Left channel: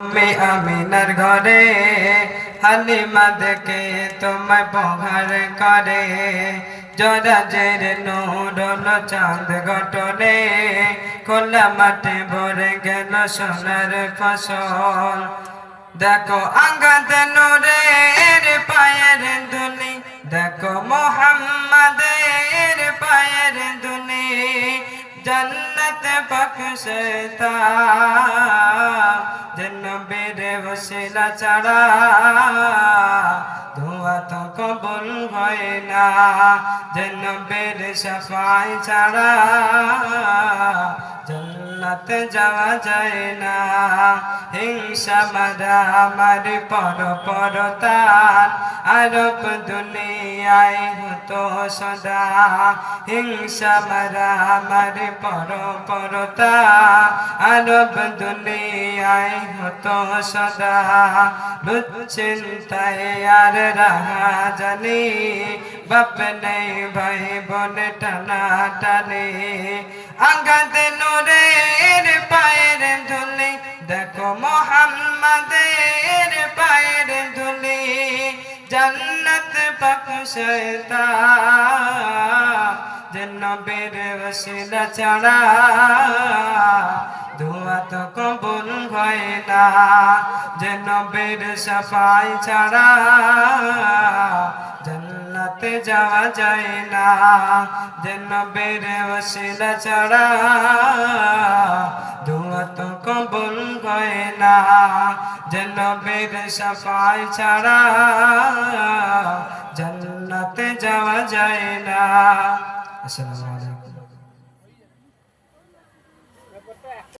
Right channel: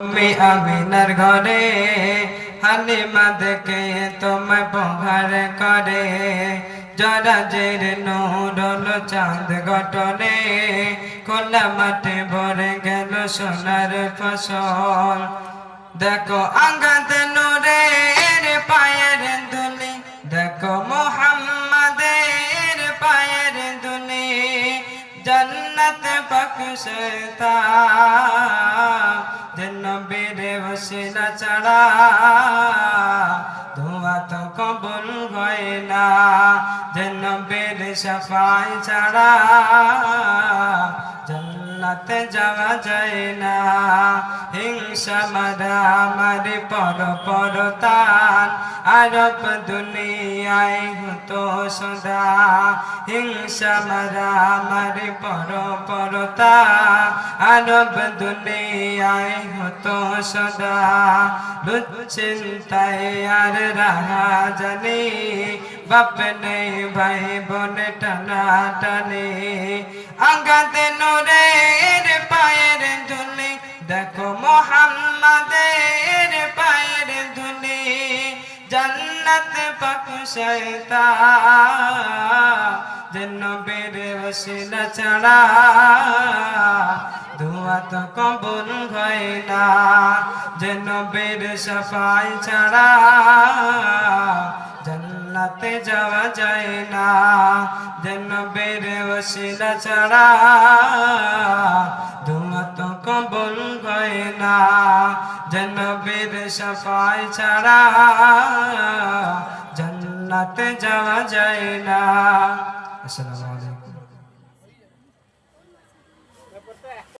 আমিনার ঘরে হালিমা দেখে তোমায় পহার করে। জরাজের নূরল চাঁদ গটনে খোলা মাঠে ভরে গেল সোনার ফসল। দেখো আঙ্গাদ নোরের পায়ের দুলি দেখো মোহাম্মদের পায়ের দুলি জন্নত বখশতা যেন বেড়ে বসিলা ছাড়া ধোয়া তো কবল হয় না। বেড়ে সাফাই ছাড়া জন্নাত যাওয়া যায় না। হিংসা মারা মারি পর পরতান আরব দুনিয়ায় হতো সদা। হিংসা মারা মারি পর পরতা আরব দুনিয়ায় হতো সদা। দুশ্চিন্তায় আর রাহা জানি বাপ নেই ভাই বলে টানা টানে আঙ্গাত নোরের জন্নত পকুশতা জন্য বেড়ে বসিলা ছাড়া ধোয়া তো কবুল হয় না। যেন বের সাফাই ছাড়া যাওয়া যায় না। যেন বের বসিলা ছাড়া ধোয়া তো কবুল হয় না। সফাই সাফাই ছাড়া জন্নাতে যাওয়া যায় না। আসসালামু আলাইকুম।